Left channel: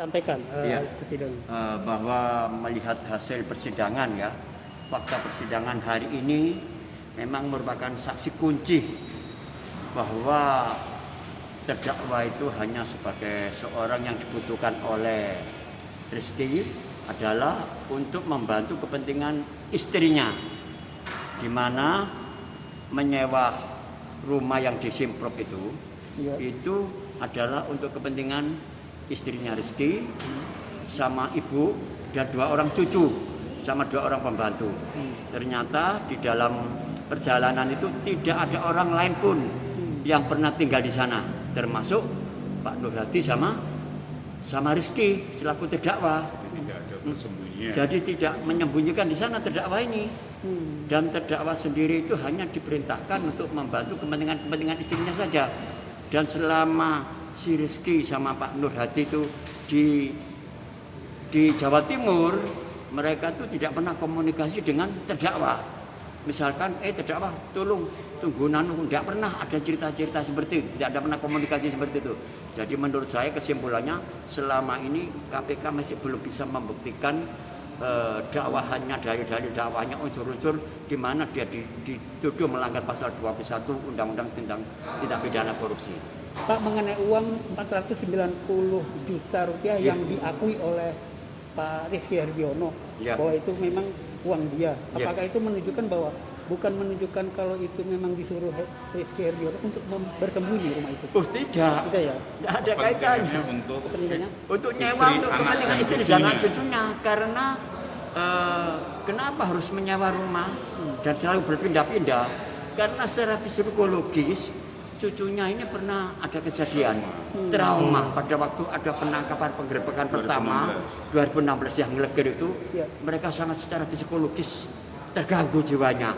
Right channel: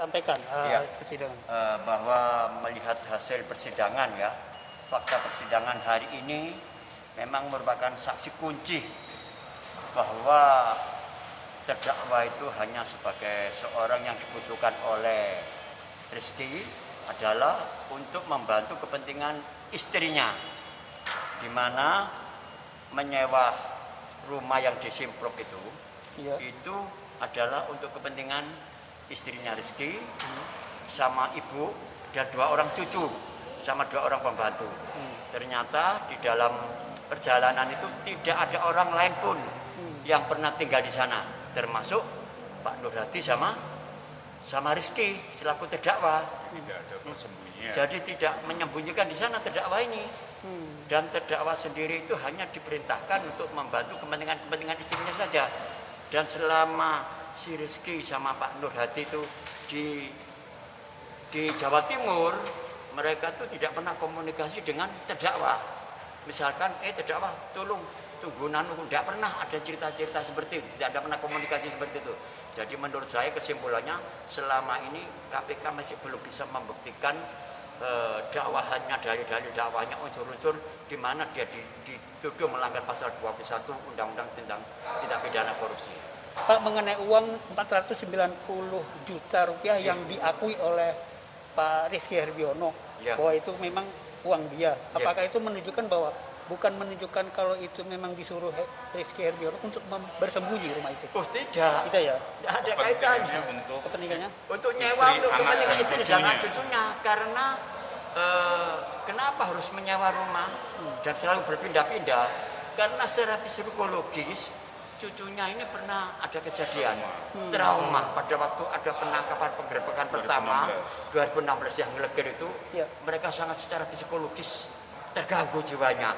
Sampaikan ya, persidangan. bahwa melihat hasil persidangan ya, fakta persidangan hari ini memang merupakan saksi kunci bahwa terdakwa itu hanya sebagai seorang yang dibutuhkan oleh Rizky adalah untuk membantu kepentingan istrinya, di mana menyewa rumah yang di Simpruk itu adalah untuk kepentingan istrinya Rizky sama ibu dan 2 orang cucu sama 2 orang pembantu. Ternyata di dalam perjalanan itu tidak ada orang lain pun yang pernah tinggal di sana, termasuk Pak Nur Hadi sama Rizky selaku terdakwa. Tidak ada persembunyian. Jadi tidak menyembunyikan di sana terdakwa ini. Dan terdakwa sendiri itu hanya diperintahkan untuk membantu kepentingan istrinya saja. Dan selama si Rizky sama Pak Nur Hadi itu di Jawa Timur, mereka tuh tidak pernah komunikasi dengan terdakwa. Misalkan, terdakwa tolong tunggu nanu, tidak pernah ada cerita-cerita seperti itu, tidak ada pernah komunikasi seperti itu. Jadi menurut saya kesimpulannya selama ini KPK masih belum bisa membuktikan dakwahannya, dalil-dalil dakwahnya, unsur-unsur di mana dia dituduh melanggar pasal 21 Undang-Undang Tindak Pidana Korupsi. Pak, mengenai uang 490 juta rupiah yang diakui oleh Pak Rizky Herbiono bahwa itu memang uang dia. Apakah itu menunjukkan bahwa bukan menunjukkan kalau itu memang disuruh Rizky Herbiono untuk bersembunyi rumah itu? Oh tidak. Tidak ya? Tidak ada kaitannya. Untuk nyewa untuk kepentingan istri dan cucunya. Karena kenapa harus menyewa rumah dan selalu berpindah-pindah? Karena secara psikologis cucunya ini pernah ada kejadian trauma pada waktu ada penangkapan penggerebekan pertama 2016 yang Legir itu, mereka sangat secara psikologis terganggu jiwanya,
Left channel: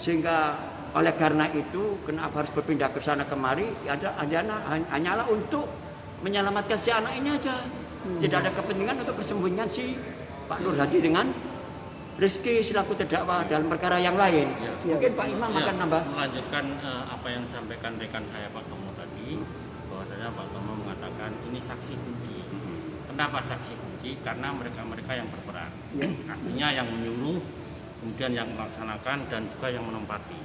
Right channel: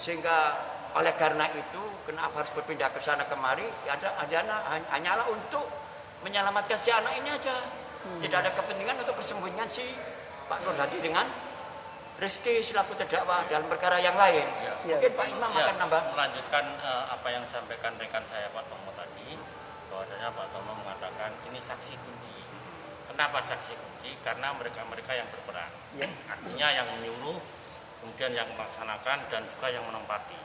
sehingga oleh karena itu kenapa harus berpindah ke sana kemari hanyalah untuk menyelamatkan si anak ini aja. Tidak ada kepentingan untuk persembunyian si Pak Nur Hadi dengan Rizky selaku terdakwa dalam perkara yang lain. Mungkin Pak Imam akan nambah. Melanjutkan apa yang disampaikan rekan saya Pak Tomo tadi, bahwasanya Pak Tomo mengatakan ini saksi kunci. Kenapa saksi kunci? Karena mereka yang berperan. Artinya yang menyuruh, kemudian yang melaksanakan dan juga yang menempati.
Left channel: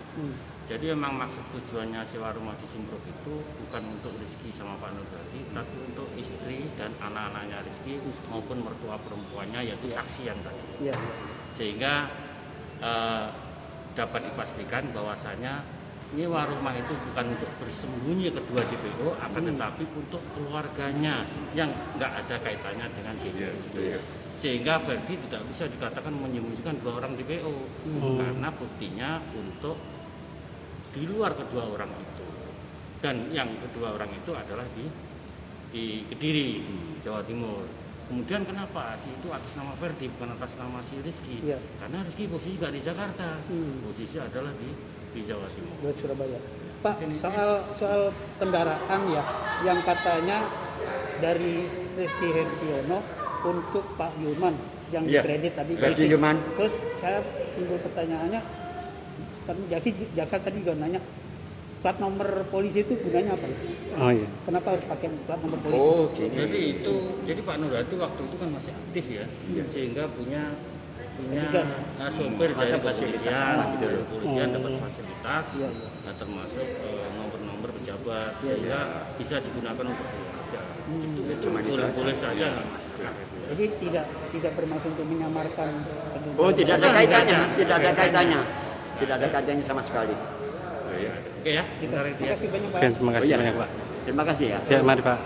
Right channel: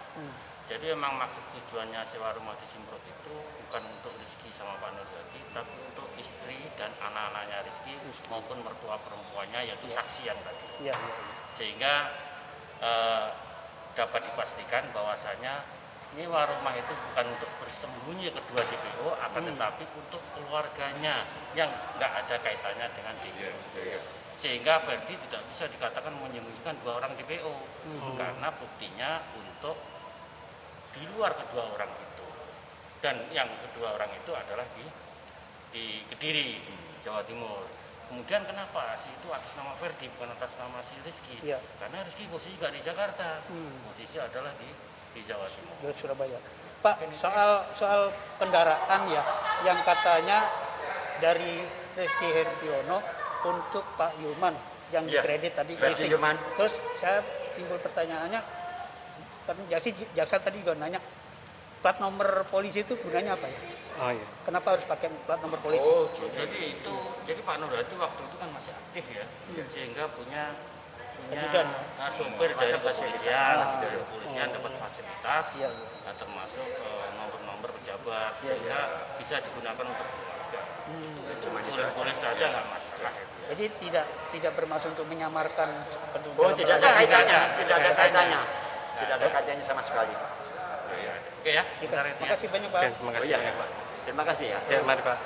Jadi memang maksud tujuannya sewa rumah di Simpruk itu bukan untuk Rizky sama Pak Nur Hadi, tapi untuk istri dan anak-anaknya Rizky maupun mertua perempuannya, yaitu saksi yang tadi. Sehingga dapat dipastikan bahwasanya nyewa rumah itu bukan untuk bersembunyi kedua DPO, akan tetapi untuk keluarganya yang nggak ada kaitannya dengan DPO. Sehingga Ferdi tidak bisa dikatakan menyembunyikan 2 orang DPO, karena buktinya untuk di luar kedua orang itu. Dan yang kedua orang itu adalah di Kediri, Jawa Timur. Kemudian kenapa si itu atas nama Ferdi bukan atas nama si Rizky? Karena Rizky posisi juga di Jakarta, posisi adalah di Jawa Timur. Di Surabaya. Pak, soal kendaraan ya, yang katanya dari Rizky Herbiono untuk Pak Yulman yang dikredit tadi. Terus saya timbul pertanyaannya, kan jaksa tadi juga nanya, plat nomor polisi itu gunanya apa? Kenapa harus pakai plat nomor polisi? Jadi Pak Nur Hadi waktu itu kan masih aktif ya, sehingga punya sopir dari kepolisian, dapat fasilitas, termasuk nomor-nomor pejabat, sehingga bisa digunakan untuk keluarga. Boleh saja, nggak masalah. Jadi tidak bermaksud untuk menyamarkan. Tidak ada kaitannya, tidak ada kaitannya sama sekali. Oke ya. Terima kasih banyak Pak. Terima kasih ya. Ya, mari Pak.